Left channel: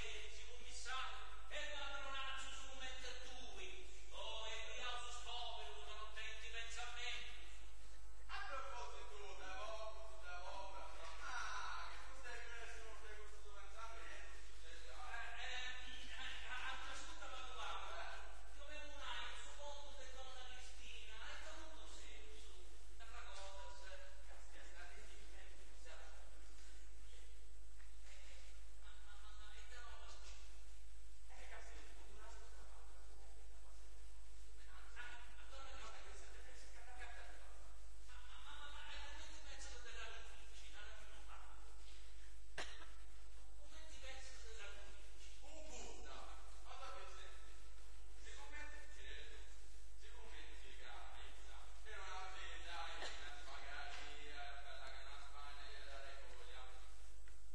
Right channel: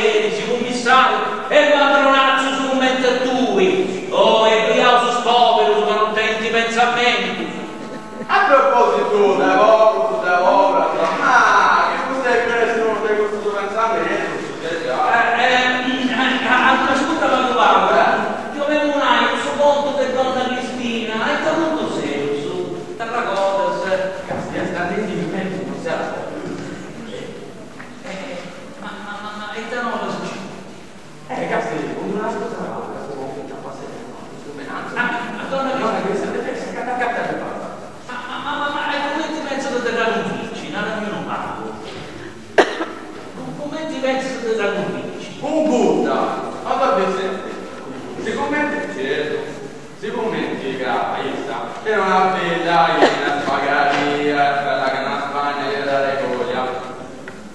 cavalieri, si commissario, e padronazzo su un mente tui, o e briausus povero, ma non tenti pensamenti. A proposito da lavoro, ma che cos'è che nessuno di questo pensamento? Ascolta la tua parola, io avevo un anno su conto per donna Cristina, e da molto serio, su Tarragotas, Castia, standetti in mezzo, non si ha ma e da non lo succede? Castia, con una cosa questo conto già passato, questo menazzo. Donna Cristina, deve essere cattata per parola. Ma come ti penso di terrare un fici? Non parlo. Come ti penso di terrare un fici? Un Buddha! Ma davvero si commenti certo, si commenti che è una bella una spagaria, quella che una Spagna e la regoglia.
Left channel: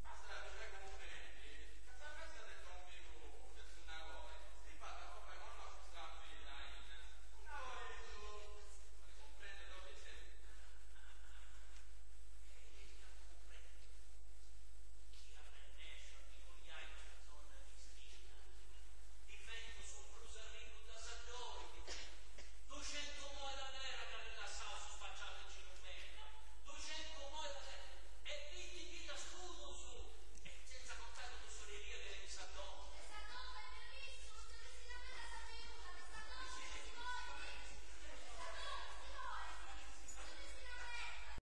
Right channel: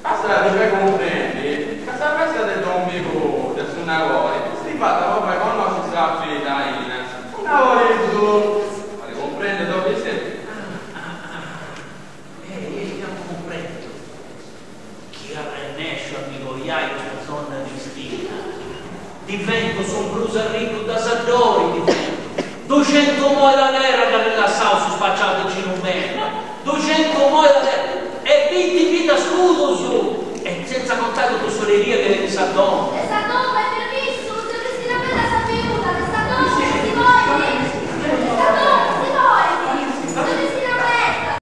Basta che comprendi, questa festa del domenico del suo lavoro, si fa proprio quando si sta a in un lavoro in su, ma comprende dove sei? Io non comprendo. Chi arrennesce a migogliare una donna Cristina? Divento sombroso e ricco da Saddori, divento. 200 moi da terra che nella sauce spacciato in un meno. 200 moi da terra.